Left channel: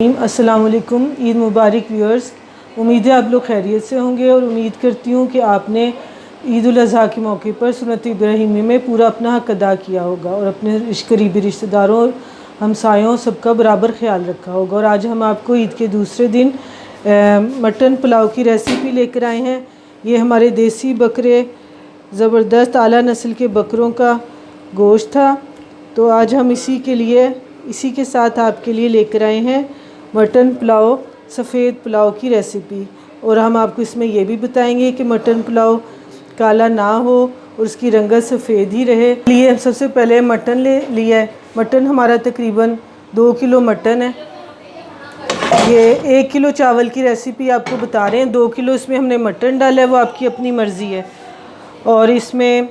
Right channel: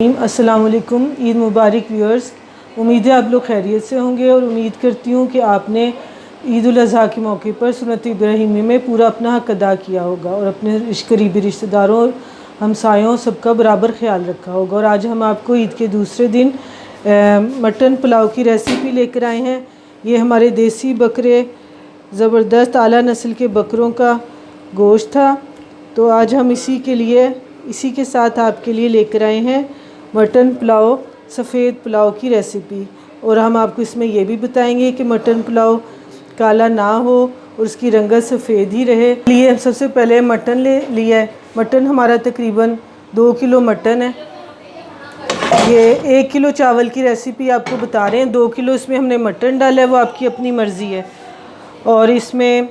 अस्सलाम वालेकुम। ईद मुबारक व्यूअर्स। उम्मीद है आप लोग खैरियत से होंगे और उम्मीद करती हूँ कि आपने ईद उल अज़हा के मौके पर सुन्नत इब्राहीमी में पूरा अपना हक़ अदा किया होगा और अपने करीबी रिश्तेदारों हमसायों सबका बराबर ख्याल रखा होगा। और आज हम आपको ईद के दूसरे दिन मटन पुलाव की रेसिपी लेकर आए हैं। ये हमारे देसी बकरे ज़बरदस्त आला नस्ल के बकरों का गोश्त था, तो आज हम इसी के साथ आपके लिए लेकर आए हैं मटन पुलाव, सफ़ेद पुलाव की रेसिपी। और हम आपको इसमें यह भी बताएंगे कि मटन पुलाव काला ना हो और उसकी रंगत सफ़ेद ही रहे। लिए सबसे पहले मटन ले लिया है। मटन हमारा तकरीबन 2 किलो मटन है। ये 1 किलो चावल की रेसिपी आपको बता रहे हैं। 2 किलो इसमें हमने मटन डाला है, वो आपकी अपनी मर्ज़ी है। और इसमें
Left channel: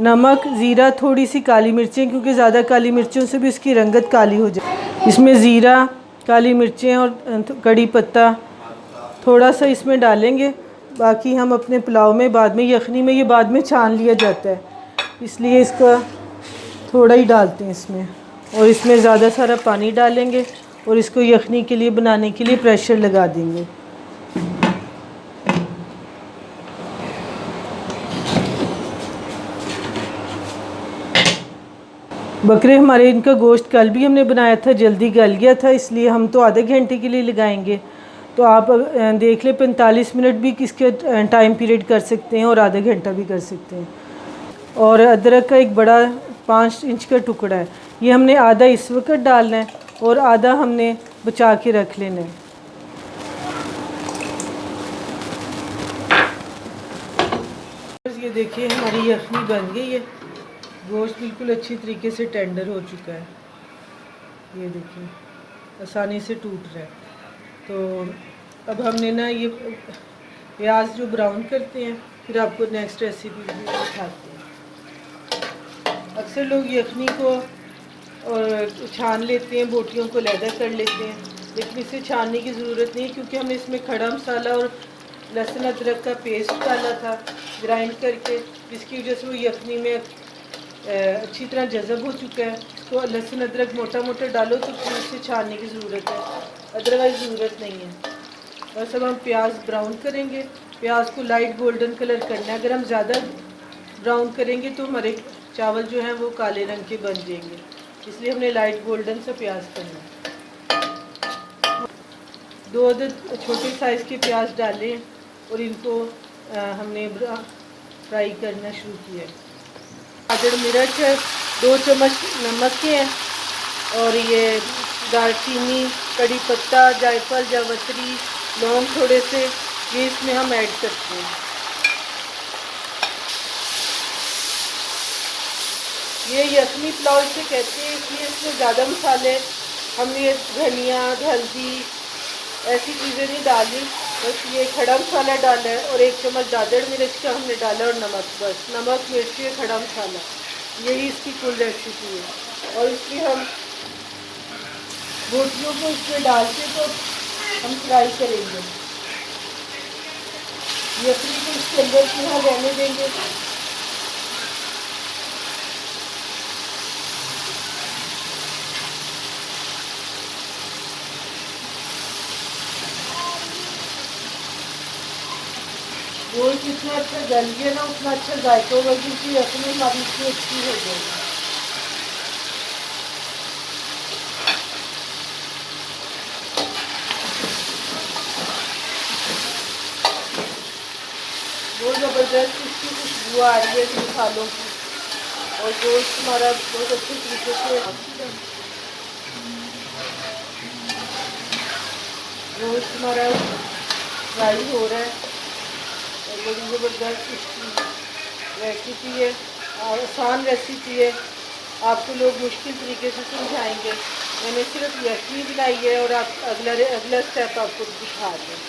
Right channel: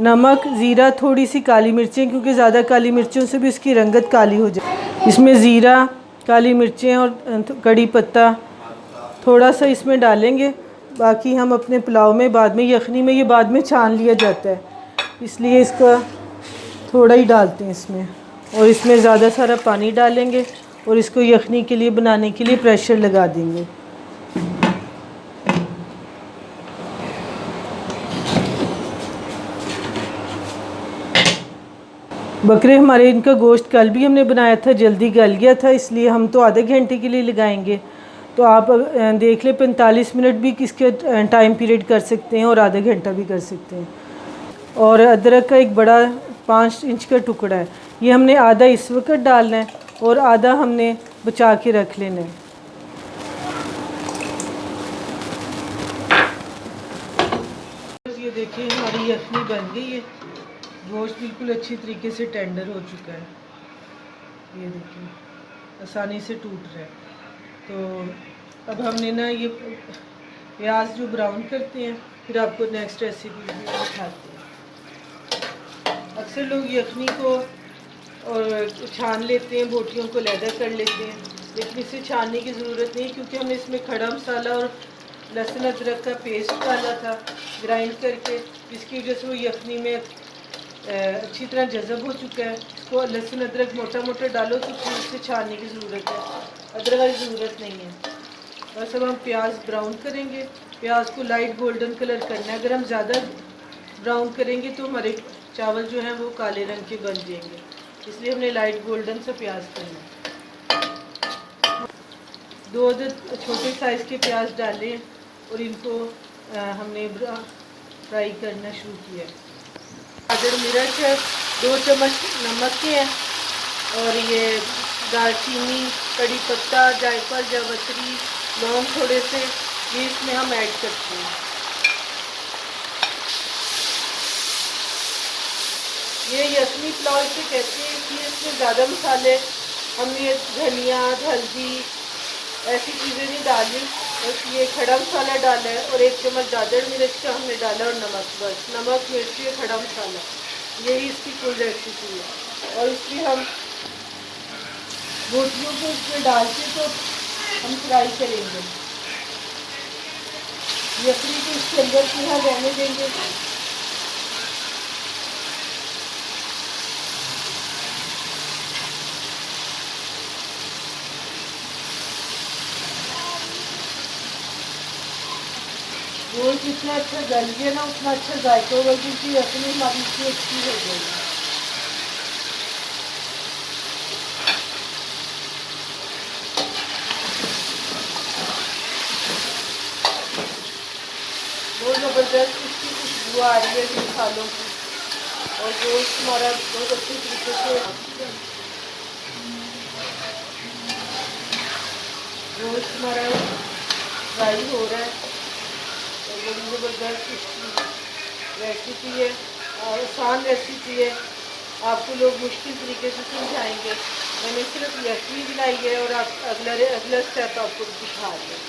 नमक, ज़ीरा, थोड़ी सी काली मिर्चें, क्योंकि ज़्यादा काली मिर्चों से भी इसकी रंगत काली हो जाए। इसमें ज़ीरा, काली मिर्चें और कड़ी पत्ता थोड़ा सा इसमें डालेंगे। बाकी हम अपने पुलाव में बाद में, यखनी में ये बाद में छान लिया जाता है, इसलिए इसका थोड़ा ही डालते हैं इसमें। और इसमें ज़्यादा सारा पानी डालेंगे और इसको यखनी के लिए बनाने के लिए प्रेशर लगा देंगे। बकरे हमारे, इनका गोश्त कल भी हमने बनाया था, जल्दी गल गया था, इसलिए हम तो आधे घंटे के लिए लगाएंगे। तो आप देख लें 45 मिनट भी किसके टाइम पीरियड कर सकते हैं और आधा घंटा भी कर सकते हैं। और अदरक का एक बड़ा 5 इंच का टुकड़ा है, ये हमने आधा इस वक्त डालना है और आधा हमने बचा के रख लेना है। ये देखिए हमारी यखनी बन गई है। गोश्त बिल्कुल अच्छी तरीके से टेंडर हो चुका है। ये देखिए आसानी से टूट रहा है। तो अब हमने ना ये प्याज जो ब्राउन करते हैं, फिर आपको नेक्स्ट रेसिपी दिखाते हैं। अक्सर लोग यखनी को और छान लेते हैं, बोटियों को लैदा कर लेते हैं, लेकिन इसे छानने की ज़रूरत नहीं, क्योंकि हमने इसमें खड़ा मसाला और लहसुन अदरक का पेस्ट डाला था ग्राइंड करके, जिसकी वजह से वो यखनी में अच्छी तरह जज़ब हो चुका है। इसको लहसुन अदरक मोटा मोटा डालो तो फिर इसे छानने की ज़रूरत है, अदरवाइज़ ज़रूरत नहीं है। बस अब हम प्याज ब्राउन करेंगे। प्याज को लाइट गोल्डन कलर करना है। अगर हम ज़्यादा ब्राउन करेंगे तो हमारे चावल जो हैं वो काले रंग के बन जाएंगे, इसलिए हमने लाइट गोल्डन सा प्याज करना है। 2 छोटे साइज़ के प्याज डाले और इनको हमने फ्राई करना शुरू किया। गाजर, मिर्च, 2 चम्मच नमक के हैं, और ये दालचीनी, कड़ी पत्ता, जायफल, जावित्री, लौंग थोड़े से, ये इसमें हम ऐड करते हैं। ये यखनी पुलाव से कहते हैं कि इसमें ज़्यादा मसाले हमने धनिया, हल्दी ऐसी चीज़ें नहीं डाली, बस ये खड़ा मसाला डाला है और 1 चम्मच दादर मिर्च का हमने डाला और नमक, बस नमक, मिर्ची, खड़ा मसाला, यही इसकी कुल रेसिपी है। और इसमें हम रोटियों को इसमें डाल के तो हम फ्राई करेंगे। यखनी को इसके अंदर पूरा रहने देंगे। गोश्त जितना अच्छा गल गया ना उतना अच्छा जायका होगा, क्योंकि यखनी हमारी इतनी अच्छी हो जाएगी। वो ज़बरदस्त इसकी खुशबू आ रही है मसालों की, और गोश्त हमारा बहुत अच्छे तरीके से गोश्त हमारा फ्राई हो रहा है। और बड़ी ज़बरदस्त इसकी रेसिपी है और आसान रेसिपी है। आपको लोग मुश्किल तरीके से समझाएंगे, मैंने सिर्फ यखनी बनाई है और आप अगला स्टेप आपको दिखा दें।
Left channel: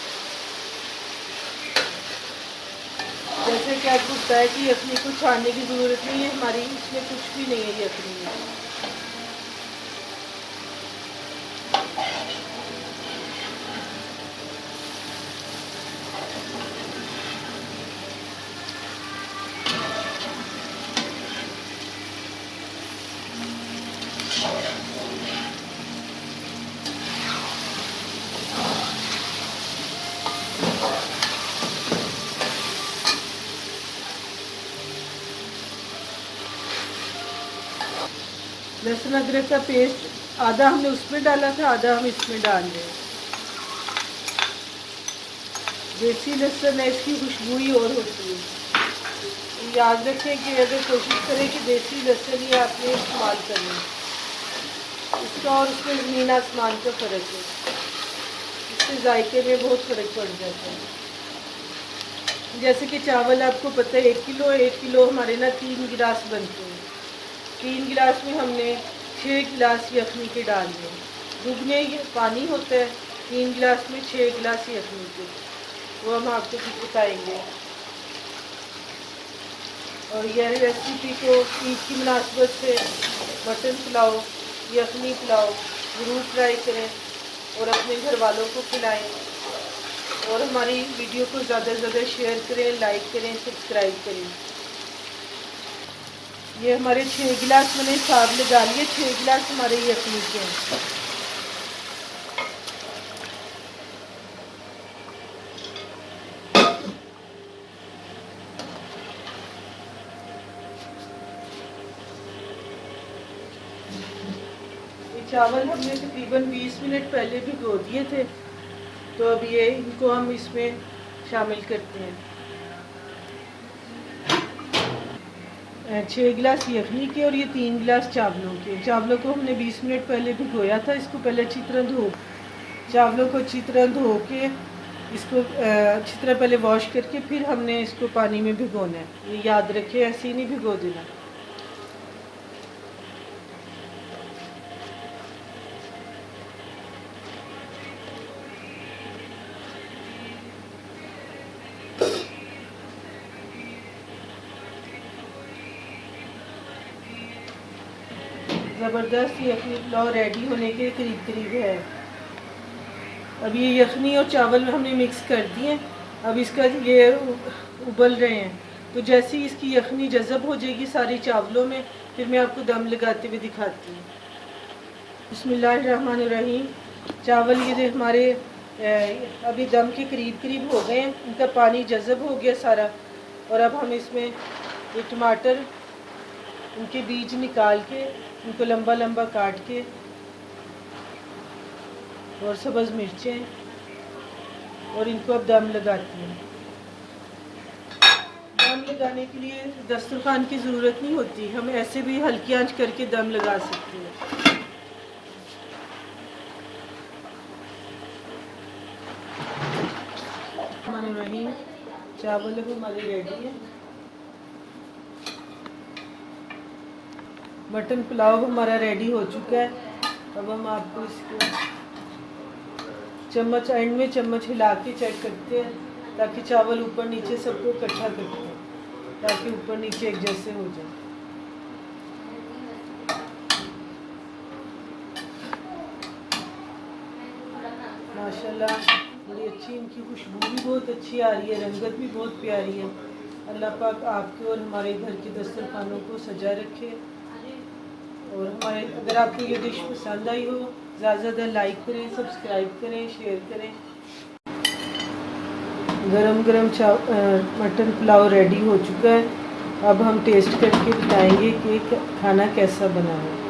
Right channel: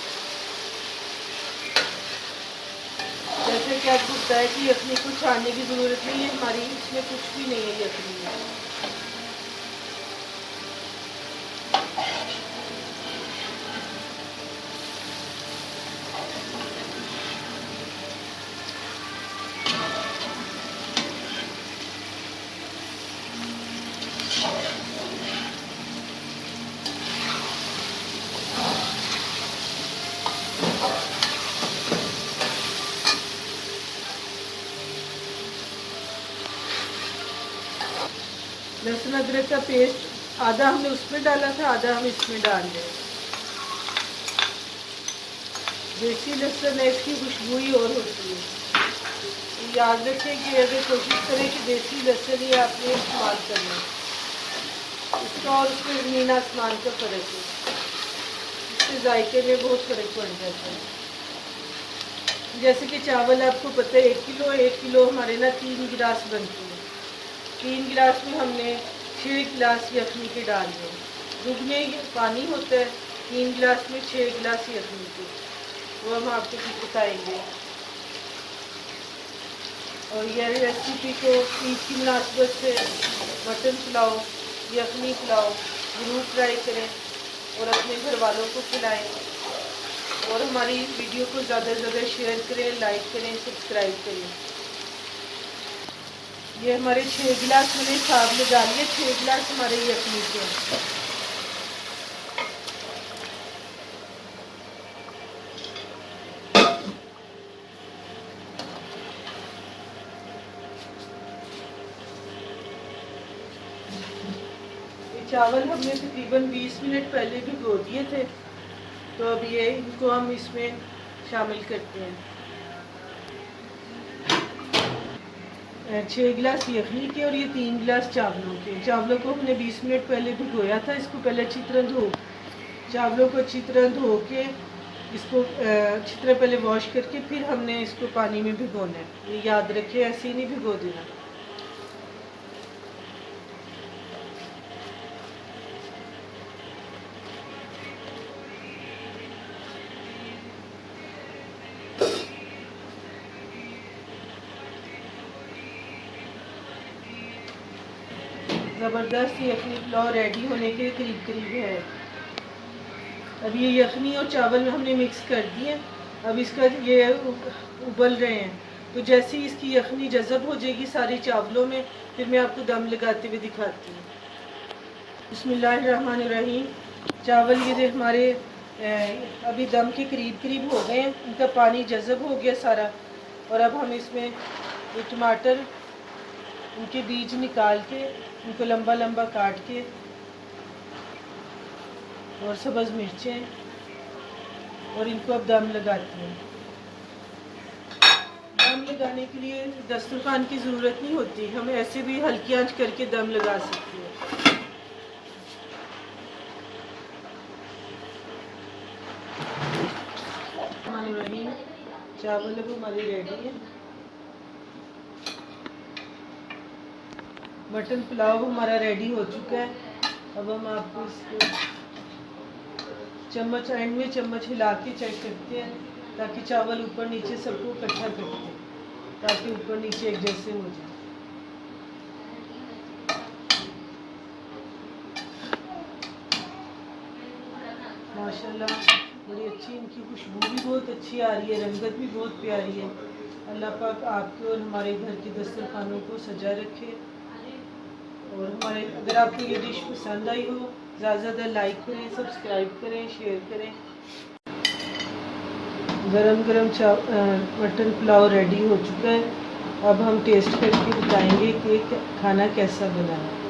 जैसे कि आपको पता है कि यखनी को छानने की ज़रूरत नहीं है, हमारी इसमें कुछ भी नहीं है यखनी में। लहसुन अदरक का पेस्ट आधा हमने उसमें डाला था, आधा हम इसमें डाल रहे हैं। देसी लहसुन है, इसकी खुशबू ही और होती है। याद रखें कि अगर कोशिश करें कि देसी लहसुन ही आपने इस्तेमाल करना है, इसका और उसमें ज़मीन आसमान का फ़र्क है, इससे जायके में बहुत फ़र्क पड़ जाता है। जैसे कि चावल आपको पता है 1 किलो हमारे ना 3 गिलास बनते हैं। 3 गिलास में हमने 6 गिलास यखनी के डाल दिए। दुगने पानी होता है, 3 गिलास में 6 गिलास यखनी के, वो हम आपको भी बताएंगे। और यह रेसिपी को ईद की मुनासबत से मटन पुलाव, यखनी पुलाव ज़रूर ट्राई करें और अपने घर वालों को खिलाएँ। और हमारी वीडियो को ज़्यादा से ज़्यादा शेयर करें, लाइक करें, सब्सक्राइब करें। ये हमारे 6 गिलास मैंने साग में डाल लिए, 6 गिलास हमारे यखनी के हैं। चावल हमने तकरीबन 20 मिनट पहले भिगो दिए थे, तो अब ये इनको हम इसमें शामिल करते हैं। 6 गिलास यखनी के और ये 3 गिलास चावलों के। चावलों को हमने 20 मिनट पहले भिगोया था। इसको पहले अच्छी तरह चावलों को अच्छी तरह धो के इसको अच्छी तरह पहले वॉश करके फिर हमने इसको पानी में भिगोना है। ये याद रखें, ऐसे ही नहीं भिगो देना। ज़बरदस्त यखनी पुलाव रेडी होने के करीब है। अब ये यखनी और चावल हमने मिक्स कर दिए। अब इसका ये उबल रहे हैं, तो जैसे ही इसकी यखनी जज़ब हो जाएगी सारी चावलों में, फिर मैं आपको दम लगाते हुए दिखाती हूँ। बिस्मिल्लाहिर्रहमानिर्रहीम। चावल ये हमारे अभी दम के करीब हो गए हैं, इनका पानी जज़ब हो गया सारा। और अब हम इसमें ये टमाटर, उनके बीज निकाल के उनको लंबा लंबा काट के, और सब्ज़ मिर्चें, और इनको अब दम लगाती हैं। दम लगाने के लिए दस्तरखान की ज़रूरत नहीं होती, हम ऐसे भी हल्की आंच करके दम लगा सकते हैं। चावल अब हमारे रेडी है। मटन पुलाव हमारा रेडी हो चुका है। अब हम आपको इसको चम्मच एंड में चम्मच हिला के चेक करते हैं, ताकि चावल ऊपर नीचे सबको इकट्ठा करते हैं, ताकि ऊपर नीचे एक जैसे हो जाए। माशाल्लाह बड़ी अच्छी इनकी खुशबू भी बहुत अच्छी आ रही है, रंगत भी बहुत प्यारी है। अल्लाह पाक आपके और हमारे घर के दस्तरखानों को सजा रखे। और हमारे अगर आपको ये डिश पसंद आई हो, ज़्यादा से ज़्यादा लाइक करें, सब्सक्राइब करें, शेयर करें। गरम गरम मटन पुलाव रेडी हो चुका है। अब हम टेस्ट करके बताएंगे कि खाना कैसा बना है।